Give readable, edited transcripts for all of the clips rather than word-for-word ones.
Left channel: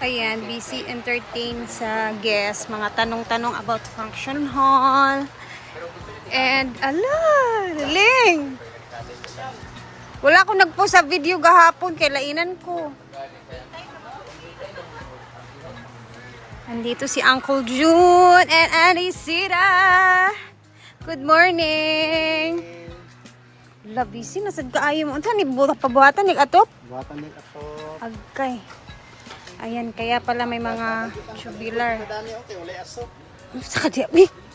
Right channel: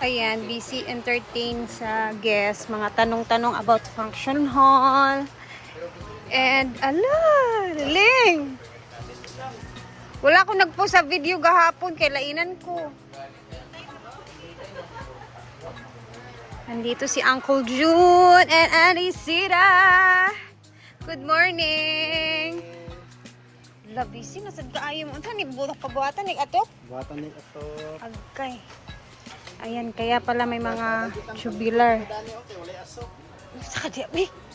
Ayan, busy entertain sa guests. Mga tanong-tanong about function hall. And, ala, Ling! Wala akong nagpost sa video gahapon. Kailainan ko. Nandito si Uncle June and Auntie Sira. Good morning! Labisi, nasad kaayo mo. Ito, pabuhatan, nag-atop? Buhatan ng ato. Agkay. Ayan, kaya pala may mga tubular. Sa kadya,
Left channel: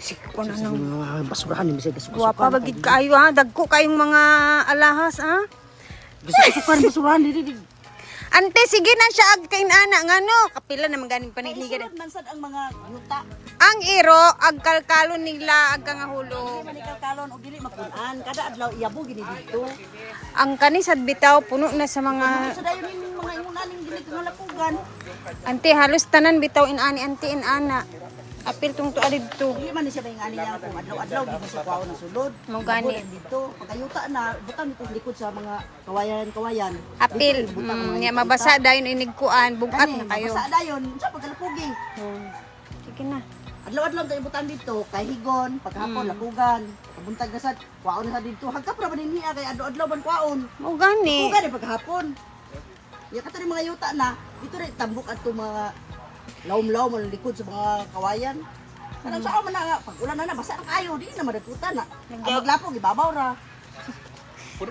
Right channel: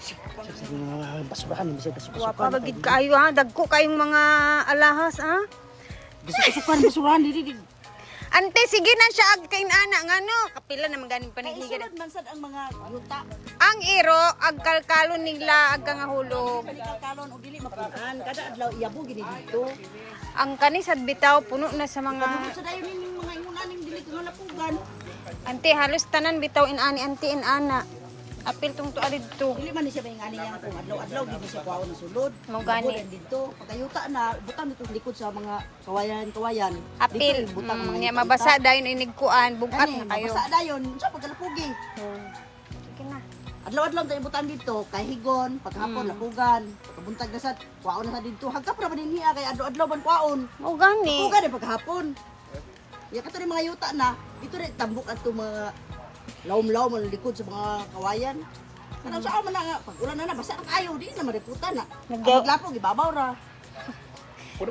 sige ko na nang. Mga basurahan, bisa kasukan. Guwapa, bagid kaayo ha. Dagko kayong mga alahas ha. Bisa kasukan, basurahan, dili. Ante, sige na siya agkain ana. Nga no, kapila naman ganing paniligan. Mansad ang mga yuta. Ang iro, agkalkalon nila, agka nga hulog. Manikal kalon o dili mapunan. Kada adlaw iyabo gini dito. Ang kanisad bitaw, puno na sa mga... So dayon ning mga ingunaning dili ko lapugan. Ante, halos tanan bitaw inani, ante inana. Apil tong tuwa dito. Dili man ni siya bayang niya kung adlaw-adlaw gini siya kuwaon ng sulod. Mo gani. Dito pagkayuta na butang dito likod sa mga kawayan. Apil, Dito, butang mga nga yuta-yuta. mabasa dayon inigkuan, bugat na kayo. Mabasa dayon, sa pagkalapugi. Sige na. Adlaw-adlaw tayo butang dito, kay higon, paghapon lapugan, pabuntag na sa kuwaon na sa dito. Hagkap ra man niya kay adlaw-adlaw ban kuwaon. Mo gani. Lapugan ay paghapon. Ya kato ni mga yuta na, dito rin tambok ato mga lawom-lawom ang likod sa mga kawayan. Kanang sa man nga pag ulan na basa na kayo, di na madaputan na. Ang maglapog ibabaw ra.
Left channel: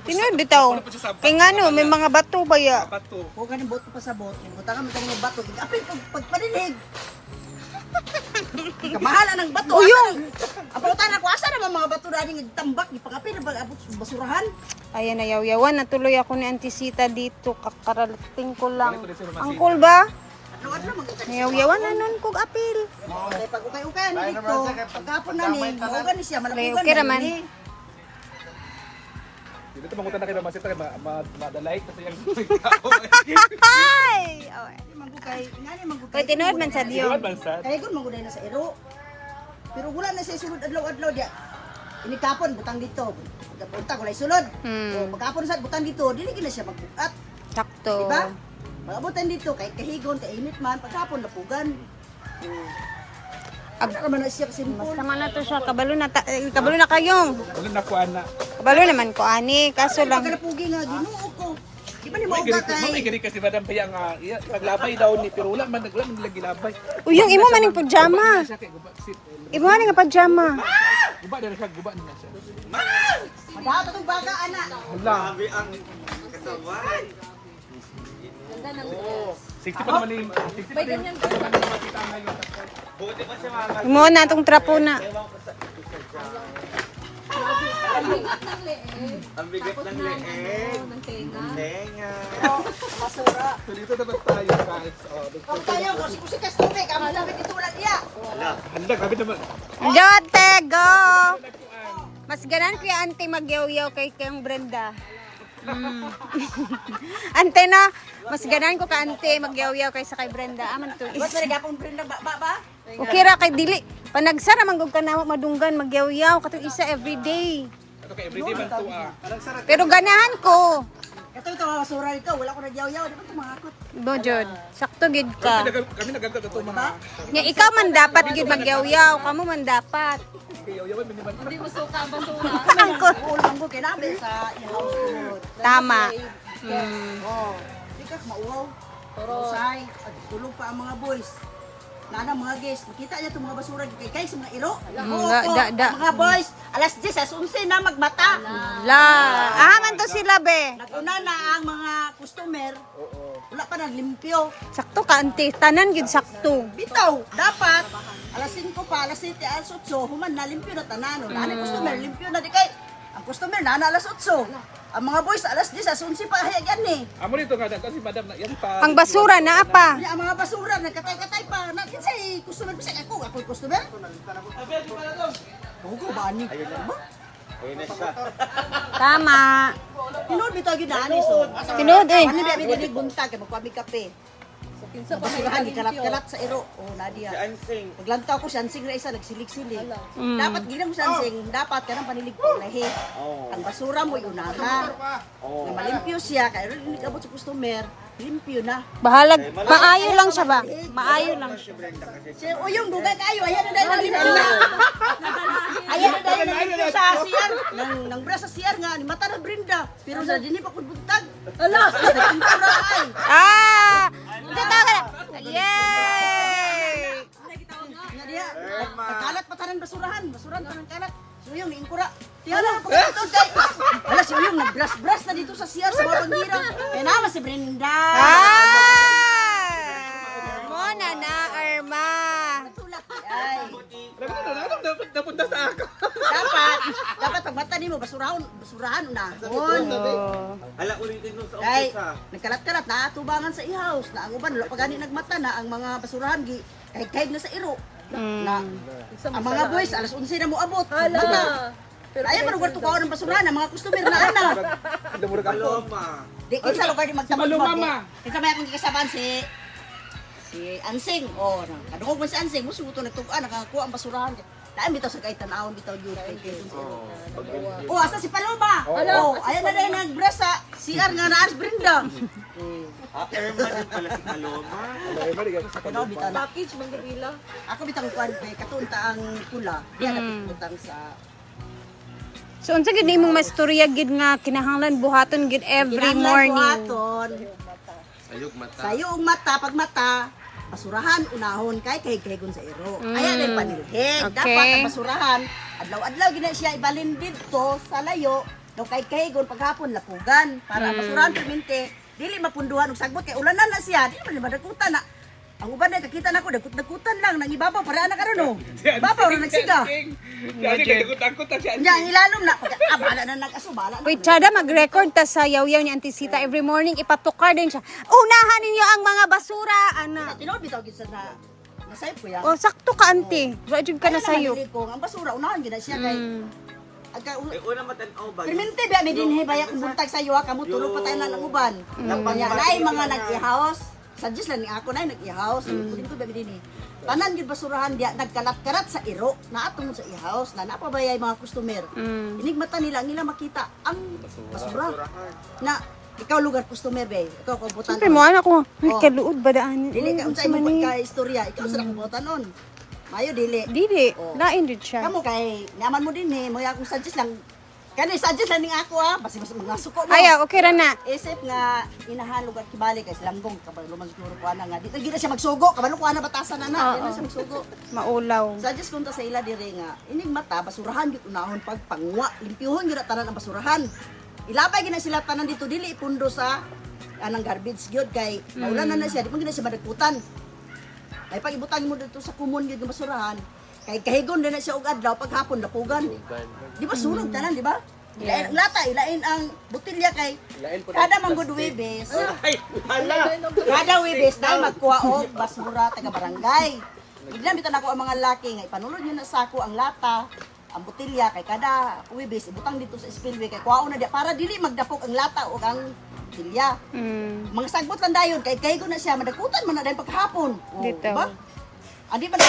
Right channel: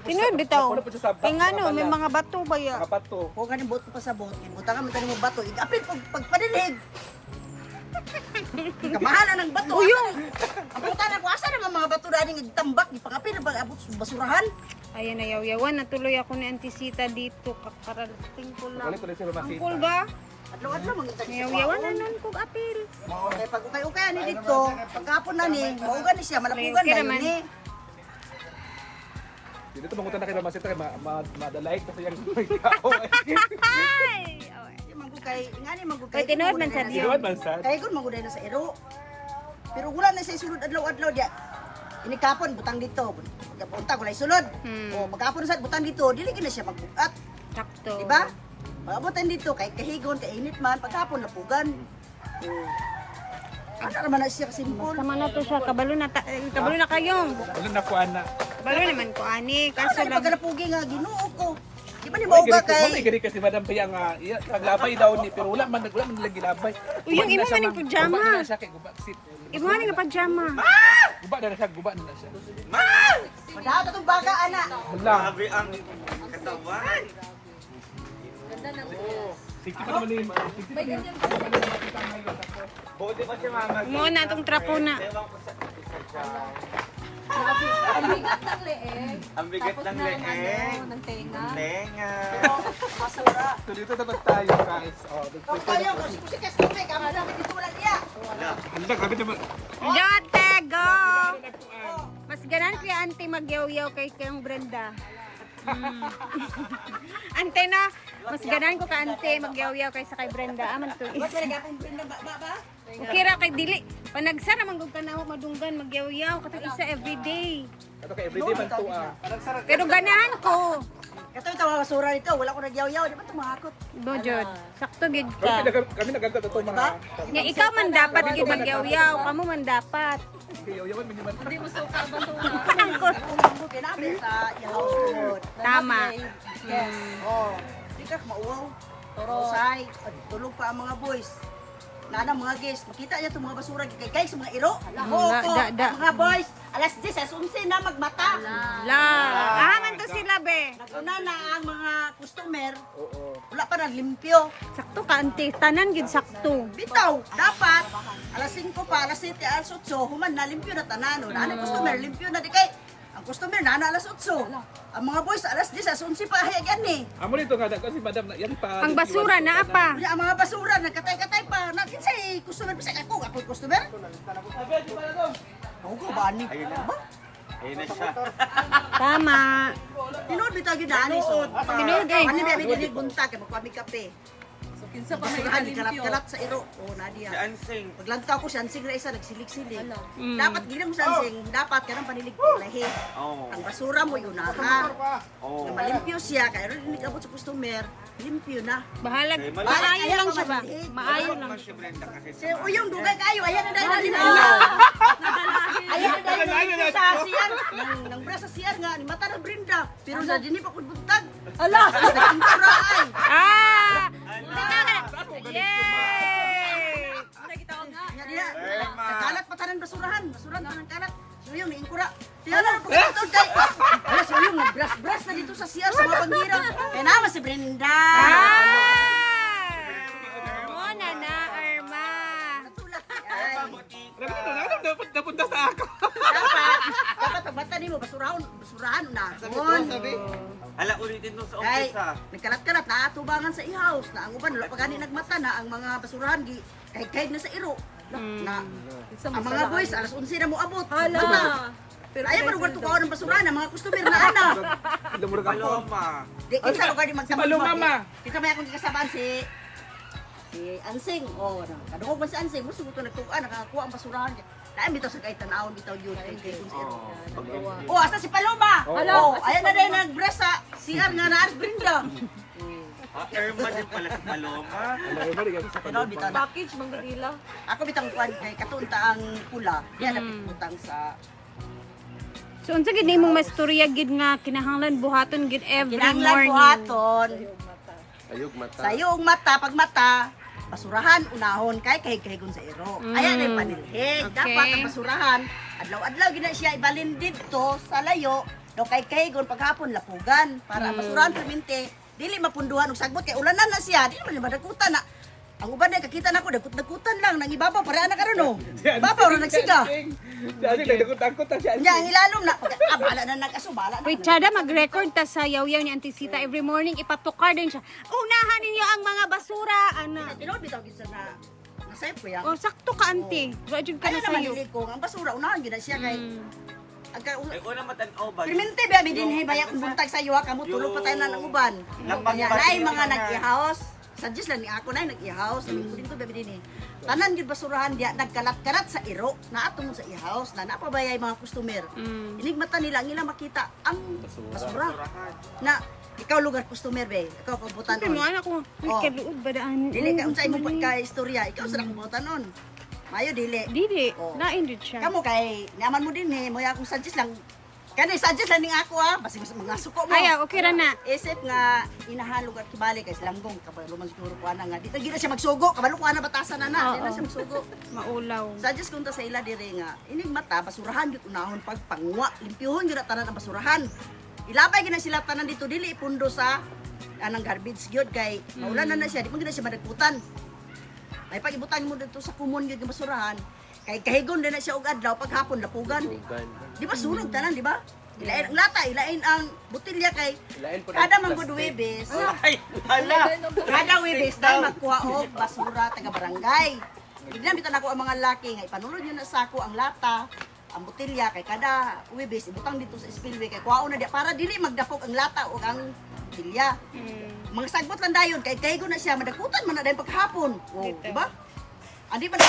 Tinoy bitaw. Kay ngano, may mga bato ba ya? Ko ganing boto pa sa bot, butangan man tani mga bato, igapit pag padilig. Kamahala ng bato. Uyong. Ang pulutan ako asa na mga bato daling tambak, ipakapil pag abot sa basurahan. Ayan, ayaw-yawan. Natuloy ako ni Auntie Sita dito. Kakaralating ko lang. Angkol ba? Adlaw-adlaw mga Ayaw-yawan na nun kog apil. kay pag ukay-ukay ni dito, pagkapon na ni, maugan ni siya, malapugan Okay na raman. ni. Dito mangutan na kayo naman siyempre, madalay kasi yung Ay! Mangukay, ngani mangukay. Kay tinood man sa diyo. Kay gon maguday na sa iro. Pero wala na sa sulod adlaw-adlaw dia. Inikapon butang dito. Pagkapunta ko na isulod. O pagkapon sa butang dito, dili gina siya magbukat, Sakto. di ba? Pagabutan dito kay kahigon, kay init man, pagkapon lapugan. Agda naman na siya simple. Sama na to siya. Kabalo na kayong. ulan na kuan na. Kabalo naman ko, ani. Kaso lang. Pagkalapugi nga Ginoo ko. Di ba ni mauga kay Gani kasi Madam Paya nga naglabay daw ni pero wala man lagi labay. Uy, yung imo man yung pajama. Sa kay guba sit. Imo man yung pajama. Guba na siya, guba na siya. madaot atong baga ana. Hala. Sikti pa naman ni sikti pa din. Makita na yun. Imo na itong trapo na. Ang bigat ng leeg. Masura. So dito dapat tayo kahit Ang kaya ko si kusikas tume ka man sabi dito ulan niya. handa grabe naman. Jote, go! Mas ganan kuya auntie magyaw-yaw kay kayong Brenda. Ante na, mas ganan ko ka ante magyaw-yaw kay sa kay Brenda. Aman to is. Basta gapon pinda ba? Okay ra kay dili. Panagsara man gud ka na madunggan magyaw-yaw katong isa everyday. Ito kay everyday man to. Pero ganahan ko. Kato ito mga basura dito, wala ko nagyaw-yaw, di ba ito makakot? Bojod, sakto gid ka. Kami nagagad ito Di ba? Nya ikaw man dapat gid magyaw-yaw, kamo man dapat. Yaw-yawan man naman. Angkol. Ulang mo kinabi sa house ko. Tama. Oh, di ka mauwaw. Usay, tulog pa ang mga boys. Nana mga guys, makita niya itong mga basura kay guys, mga iro. Oo, mga boys, alas 10, alas 11 na magbata. La, man to sila be. Naguna na ang mga customer. Wala pa naglimpyo. Sakto ka ante, tanan gid sakto. Bitaw, dapat alas 5 pa, alas 7, alas 8, human na limpyo na tanan. Nana customer, limpyo na di kay. Ang customer na alas 8. Ang mga boys alas 10, alas 11 pa hayagan ni. Amo dito nga kasi Madam na yan pa. Ang basura na apa. Ang mga basura nagkatay-katay pa. Kinsay customer pa sa ako, ako customer. Ako ba ani? Ba? Tama. Tinood bitaw gyud ani so. Tinood eh. Ani biya binig buntag kay magpami kape. Kinsa pa basurahan kay kalat-kalat sa iro. Oh, Nadia. Si Ansing. Paglantaw ko si Ansing na isa nagsilig-silig. Mm. Dapat ginang mo sa Ansing, dapat kanang panilig pa lahi. Oh. Ang basura mo unaha. Oh. Na malimpyo siya kay ron hindi abot sa customer, limpyo na. Bahalag, maayo lang siya ba? Maayo lang. Si Brenda kasi Si Uyong dugay kayo, ayan na dahil naging ala. Ayan na dahil naging sa siyar. Nang bra sa siyar nga, ni mata na Brenda. Pero sa dini pa kudbuntag. Ala, nagkintura ay. Ah! Yay! Nya diha, nagkalat pa tanan basurahan tanan kalat. So yung iingkura. Tiyan lang pagkatod kay. Ala si Uyong nag-brush na dito sa siyar sa mga bangira. Kaya naman si Brenda. Ah! Mona na, Irma. Natulak ay. napunta sa ako. Dapat ang mata nimo basurahan unahon. Ala ulitin mo sa Kay office ha. nagkalat-kalat na atubangan sa i-house na ang uban wala pa gani nagmata na ang mga basurahan gi kahit na sa iro. Na ang mga boys alas 11 na mo abot. Hala. Pero ayaw man lugar tukaw ng basurahan ang mga customer na ana. Paloma. Di kinsa lugar di magtabag. Kinsa may akong kikasaban si Ansing. Oh, kadungog man si Ansing mo suto nagtuan nakakuha ang basurahan. Dahil bitaw sa kahit tanawon bitaw yun kay kun sa iro. Oh, asa si Paloma? Oh, ayan na dahil nag-brush sa CR nga na Brenda. Irma din pala si Paloma. Pero bitaw na. Package man dila. Ako bitang kwan kay katunta ang pula. Diyan naputang sa So, unsa gid nimong mastorya gid nga kinahanglan buhaton gid every Kinahanglan morning? buhaton. Sayog mata pag mata basurahan unahon kay kahig-kahigon sa iro. Ayan ay panilhig. Okay. Dapat ang basurahan adlaw-adlaw gina siya ibalin dito sa layo. No kay kahigon paghapon lapugan para ang basurahan permente dili mapunduhan og sagbot kay ulanan na siya. Dili man madakutan na. Ang uban na kakita nako dagkut-dagutan lang nang ibabaw para ana karon no. Ibabaw ra nagsiga. Nya ilalom na pag bala na nag-aso bala na. Wait, Chada, mag-record ta sa yaw-yaw ni Auntie Sita every morning. Ipatukar din siya. Unahan ninyo ang mga basura, ana. Tinood bitaw gid sa na nasayop ko yan. O, sakto ka, Auntie. Rajud ka na sa'yo. Ang basura unahan gid na siya kay agka Ay una matanaw ba? permente ba mi dinhi baya kung buntag sa iyo ha kamo tulog pa tayo na ng uban. Kanya naay mga nag-i-house. Suggest lang ni ako naay nag-i-house. Kunin ko ba mi dinhi. Tanan gid basurahan dia nagkalat-kalat sa iro na atong sa i-house na napabayay mga customer. Inigmata nila ang nila makita ang basura na ikaw lugar customer be. Ikaw kabutan. Siyempre mo, anak ko. Ay, Oh. kaluod ba daan? Dili ka unsay mo pagka istorya, ikaw sa kabutan nun. Mayo dili. Dili. Oh. Lain din siya. Kamu kay naman mo din mo ya akong suggest lang. Kani suggest lang ning ako ha, basi mga suko mo. Ay, okay ra na. Isip nga inahalog at kibali kay lambong kabalo man siguro ko ana nga. Di ka gina siya magsugo, kabalo ko ana batasan na. Di na siya magsugo. Maulaw. Suggest kunta sa ila dire nga ining mata basurahan gyud unahon pag pangwa, limpyuhon gyud tanan ang basurahan. Ilabay gina sila tanan dito dili ipundo sa anang garbage gyud kay maulan na siya, di mo gina siya madagputan. May pag-ibutan mo dito sa kumon gyud nga basurahan. Kay kahigon din na siya og adlaw paghapon lapugan. Di ba sunog tanan, di ba? Ilain ang lata, ilain ang butilya kay kada manggod Webes. Ay, hala. Kada Webes dahil magkuha og basura taga barangay. Bigla bitaw nako ang mga laki nga ipanulod yun na sako ang lata, ang butilya kay kada Webes ibutang dito sa spillway kay kuhaon na di para dili magdapok ang lata o ang butilya. Mga sagbot lang dayon kay kahigon na siya madakutan man na dahil paghapon. Oh, Dito. di ba? Andi man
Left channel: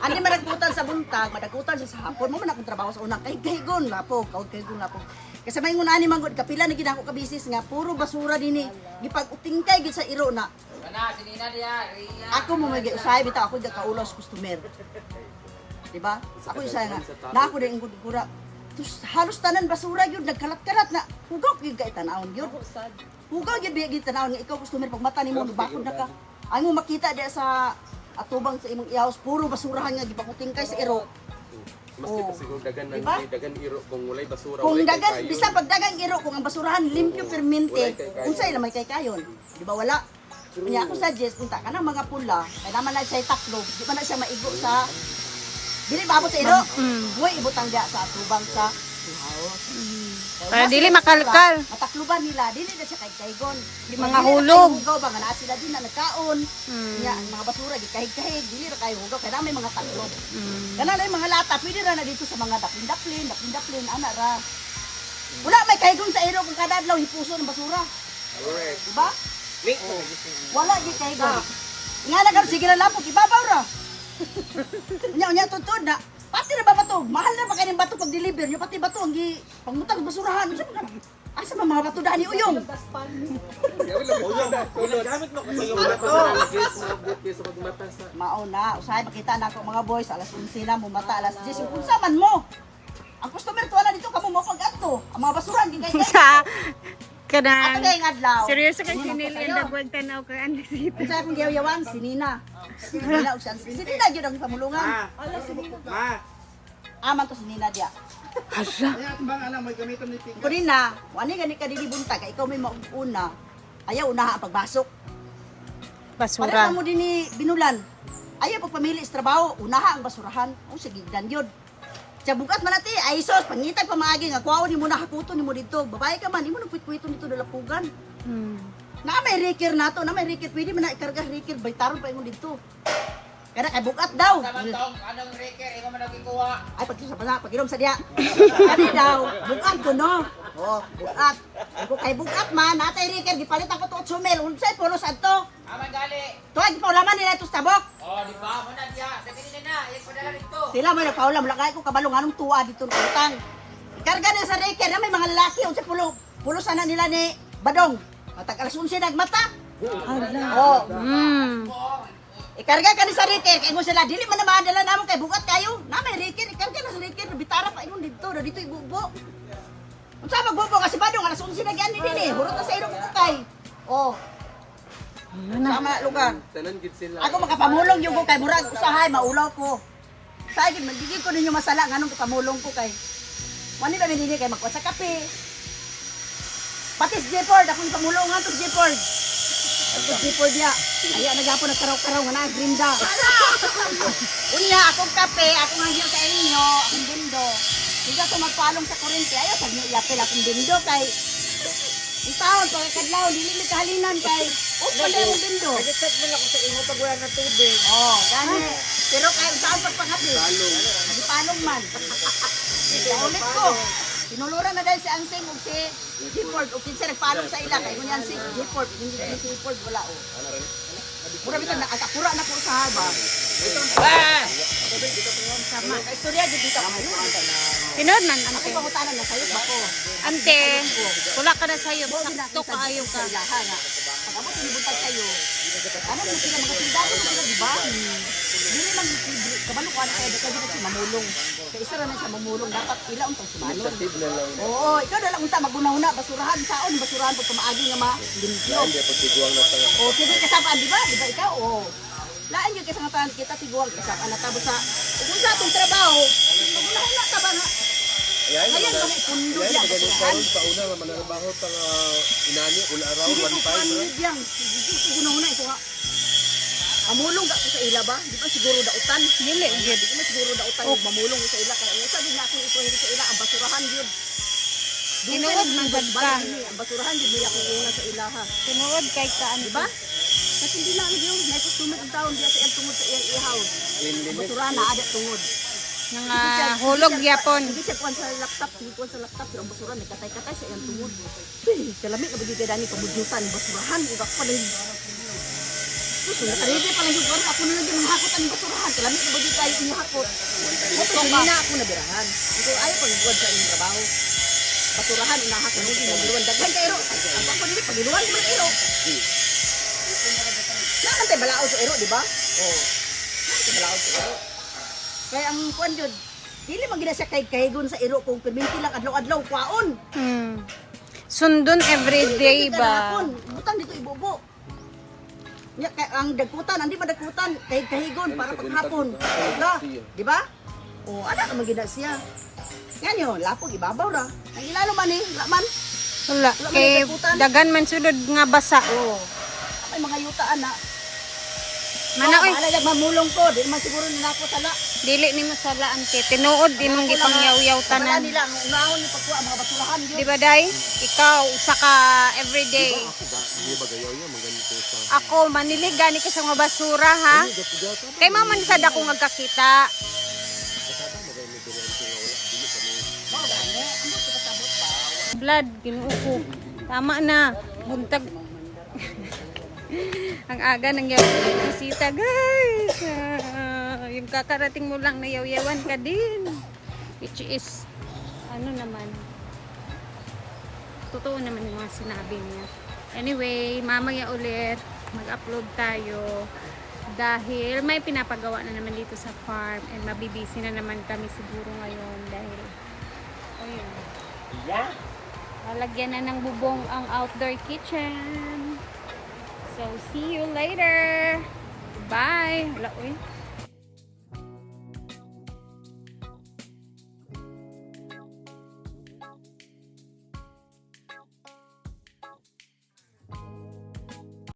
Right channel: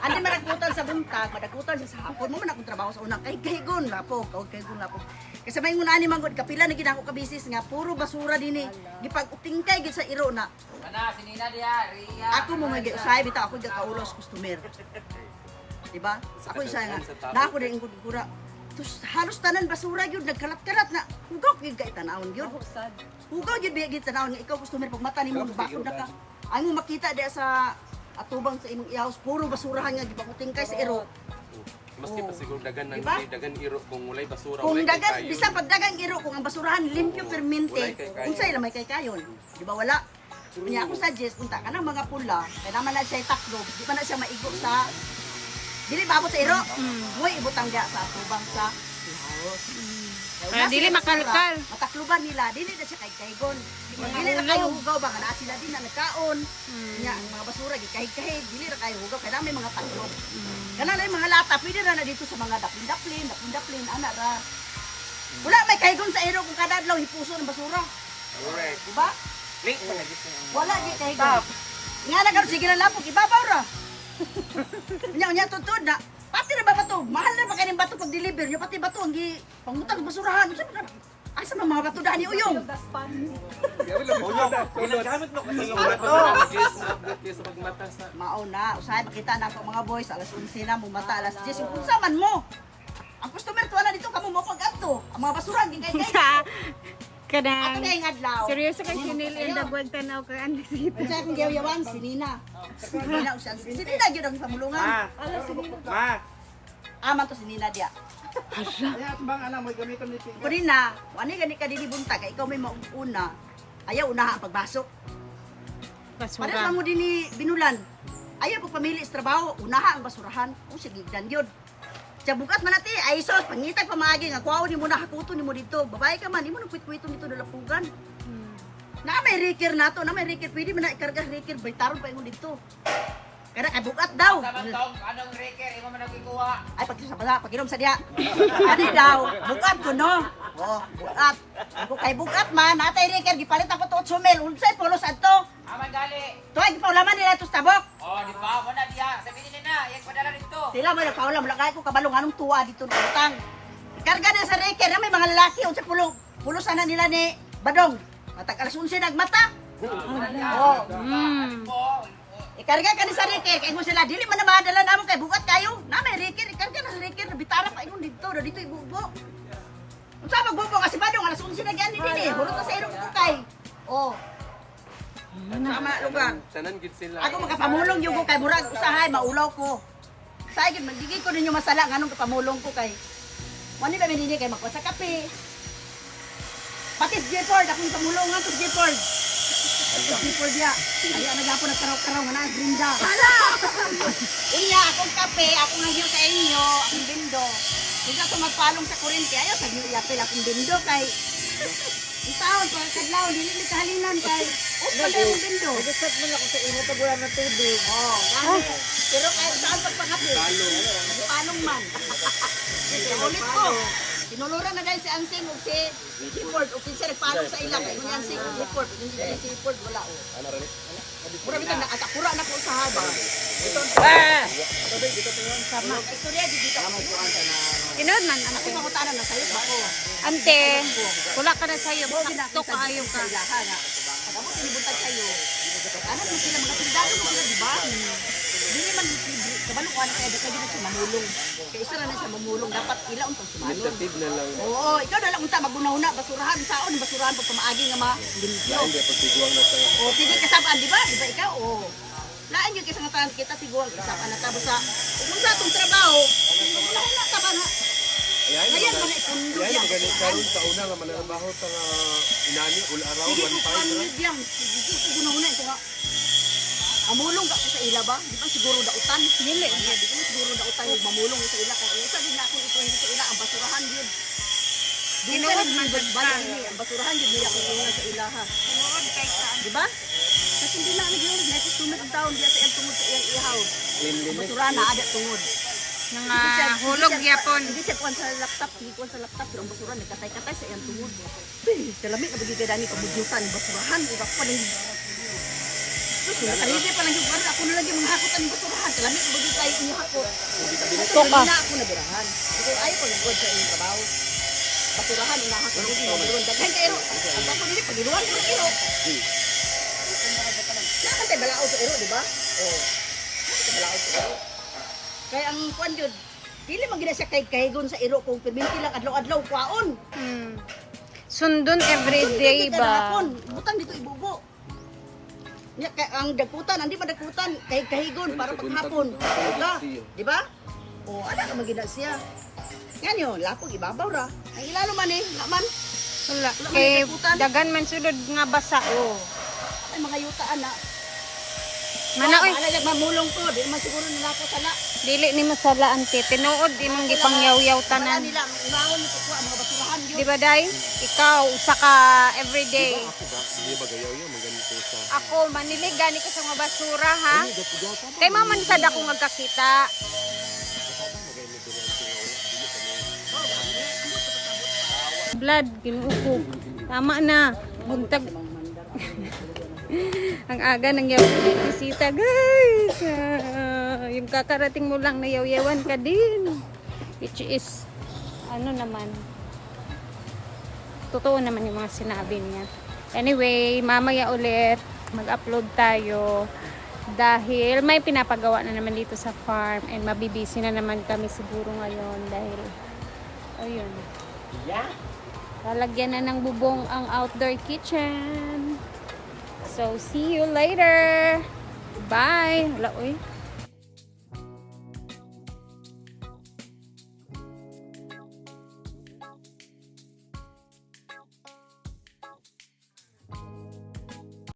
Andi madakutan sa buntag, madakutan siya sa hapon. Mo man akong trabaho sa unang kay kahigon lapok, kahigon lapok. Kasi may ngunani manggod kapila na ginako ka business nga puro basura dinhi. Gipag-utingkay gid sa iro na. Ako mo may usay bitaw ako ga kaulaw sa customer. Diba? Ako isa nga. Na ako din ingod gura. Tus halos tanan basura gyud nagkalat-kalat na. Hugaw gyud kay tanawon gyud. Hugaw gyud gyud tanawon nga ikaw customer pag mata nimo bakod na ka. Ang mo makita di sa atubang sa imong i-house puro basurahan nga gipakuting kay sa iro. Maski pa siguro dagan ng Diba? dagan iro kung walay basura Kung walay kay dagan kayo. bisan pag dagang iro kung ang basurahan limpyo permente, Walay kay kayon. unsay lamay kay kayon. Di ba wala? Kanya ako suggest unta kanang mga pula, kay naman na siya taklob, di man na siya maigo sa dili maabot sa iro. Buhay ibutang dia sa atubang sa house. Para dili makalkal. Matakluban nila, dili na siya kay kaygon. Mga hulog. Hugaw ba nga naa sila din na nagkaon. Nya ang mga basura gikahig-kahig, dili ra kay hugaw kay may mga taklob. Kana lang mga lata, pwede ra na dito sa mga daplin, ana ra. Wala may kaygon sa iro kung kada adlaw hipuso ng basura. Correct. Diba? Wala di kay ba. Nga na karon sige lang lapog ibabaw ra. Unya tutod na. Pati na ba bato? Mahal na ba kaning bato pag deliver nyo pati bato ang gi pangutang basurahan. Asa ba mga bato dani uyong? Wala pa man ang gas mo update sa pagmata sa Mao na, usahay makita na ako mga boys alas 11 na mumata alas 10 unsa man mo. Ang customer tuwa na dito kamo mo pag adto. Ang mga basurahan gi kay Sa Ate kanang kay adlaw. seryoso kay sinili ang dagwag tanaw kay andi dito. Unsa akong giyawan si Nina. Nina usan. Si Nina gyud ang pamulungan. Ma. Aman to si Nina dia. Hala. Bang alam mo gamiton ni Ko din na, wani gani ka dili buntag, ikaw may mauna. Ayaw unaha ang pagbasok. Para Basura. mo din ni binulan. Ayaw pagpamili sa trabaho, unaha ang basurahan. O sige, ganyan. Siya bukas man natin, ay sos, pangitag pamaagi nga, kuwaw ni mo na hakuto ni mo dito. Babae ka man, di mo nang kwit-kwito nito dalapugan. Hmm. Na may rekir na to, na may rekir, pwede mo na ikarga rekir, baytaron pa mo dito. Kaya kay bukat daw. anong reker imo man nagikuha. Ay, pag-inom sa diya. Kani daw, bukat ko no. Oh, bukat. Kung kay bukat man, natay rekir, gipalit ako to 8 mil. Unsay pulos adto? Aman gali. Tuwag, paulaman nila ito sa tabok. Oh, di ba? Wala diya. Sabihin niya na, iyag padala dito. Sila mo nagkaulam, lakay ko kabalong anong tuwa dito ng utang. Ikarga na sa reker, na may mga lalaki, unsay pulos na nila ni Badong. Matag alas 11 nagmata. Hala. Oh, Hmm. ikarga ka ni sa reker, kay mo sila, dili man na madala namon kay bukat kayo. Na may reker, ikarga na sa reker, bitara pa ingon dito, na dito ibubo. Unsa magbubo kasi Badong alas 11 na gyani din eh. Hurot na sa iro ko kay. Oh, sama lugar. tanan gid sila. Ako makapamulong yung ko kay murag usahay maulaw ko. Sa akin magiging ko ninyo masala nganong kapamulong ko kay. Wani ba minini kay magkuha sa kape. Pati si Jepord, ako yung pamulungan to si Jepord. Ito si Jepord niya. Ayaw nagapon nagkaraw-karaw nga na grinda. Unya, akong kape, akong naghiyo sa inyo, akong bindo. Hindi ako magpalong sa kurente. Ayaw, pag niiyapil akong bindo kay... Ang taon, pagkadlaw, dili kahalinan kay... Oh, pala yung bindo. Nag-check mo na ako sa imo pag wala na tubig. Oh, gani. Pero kahit saan ka pa kasi. Palong. Hindi palong man. Ulit ko. Tinuluran na dahil si Ansem o si Gifford o kinsa nagpalong sa ila. Kaya ganyan si Gifford. Si Gifford wala o. Mura bito na atakura na po sa haba. Sama. Istorya di dito kami po ang Tinood man, Ako ante. pangutanan na sayop ba ko? Ante, wala ka na sa'yo. Bo Sakto kaayo ka. Ilaha nga. Pag abot ni buntag kayo. Ano mo sila mga sindado mo sila di ba? Dili man kabalo ko na kaya di kaya na siya mamulong. Kaya isa ra na siya mamulong dapat ilaon tong sumalon. Tid na lang. Oo, ikaw na lang unta magunahuna basurahan saon basurahan pag pamaagi nga limpyo. Hindi pa tiguang na tayo. O sige kasabaan di ba? Di ba ikaw? O. Laan yung kasangatan kita tiguang kasabaan na tapos sa kung sa atong trabaho, magunahuna ta ba na? Ngayon man ipundo yan. Ganun karon sa una nga manarabaho pa nga inani ul around 1.5 bro. Yang, sige ko gunahuna ito nga. Mamulong ka ko sa ila ba? Di ba siguro dautan? Dili, di ko siguro dautan yung mamulong ko sa ila kaya usa din na ako ito sa ila ang basurahan yun. Tinuod man ba ba? ang basurahan yun may akong una sa ilaha. Tinuod kay kaan. Di ba? Kasi hindi na yun, next tumid ang taon diya sa iyang tungod sa iyang ihaw. Ang basurahan na ada tungod. Nga hulog yapon. Hindi siya kuwan sa laptop, hindi kuwan sa laptop, pero ang basurahan nagkatay-katay sa iyang tungod. Kalami na bagay dani pamudyutan yung basurahan, iba pa lang. Sus, nakarede pa lang yung kuwan, ako na lang yung mga hakot ang basurahan. Kalami na bagay kayo yung hakot. Ito na ako nabirahan. Ito ayaw ko yung kuwan sa iyong trabaho. Basurahan, unahakot, hindi naburuan. Daghan ka iro. Ang bako nila, pagiluhan ko ng iro. Nakantay balao sa iro, di ba? Oo. Nakantay balao sa iro. Kaya ang kuwan yun, dili man gina siya kahigon sa iro kung perminti lang adlaw-adlaw kwaon. Hmm. Sundon everyday ba? Butang dito ibubo. Nya ang dagkutan, hindi man dagkutan, kahigon para paghapon. Diba? Di ba? O ana ka magina siya. Yan yun, lapog ibabaw ra. Ang ilalo man eh, laman. Wala. Wala man Kay nagdaputan. dagan man sulod nga basa. Oo. May mga yutaan na. Mana oy, Ana yung mamulong ko, di man siguro nilako sala. dili ni masala ante. Tinuod inong gipangyaw-yaw tanan. Nila, naon ni pagkuha mga basurahan yun. Di ba day? Ikaw usa ka everyday. Hindi ba gayaw yan maganito sa Ako manilig gani ko sa mga basura ha. Kay mama ni sad ako ngagkakita. Blood ginuuko. Tama na. Buntag Ang aga ng bisita, guys. Yung kakarating mo lang na yaw-yawan ka din. Which is, ano naman, totoo naman yung mga sinabi niya. Anyway, mamaya ulit mag-upload tayo dahil may pinapagawa na naman dito sa farm and mabibisi na naman kami siguro ngayon dahil ayun. Lalagyan na ng bubong ang outdoor kitchen. So, see you later. Bye. Hala, uy.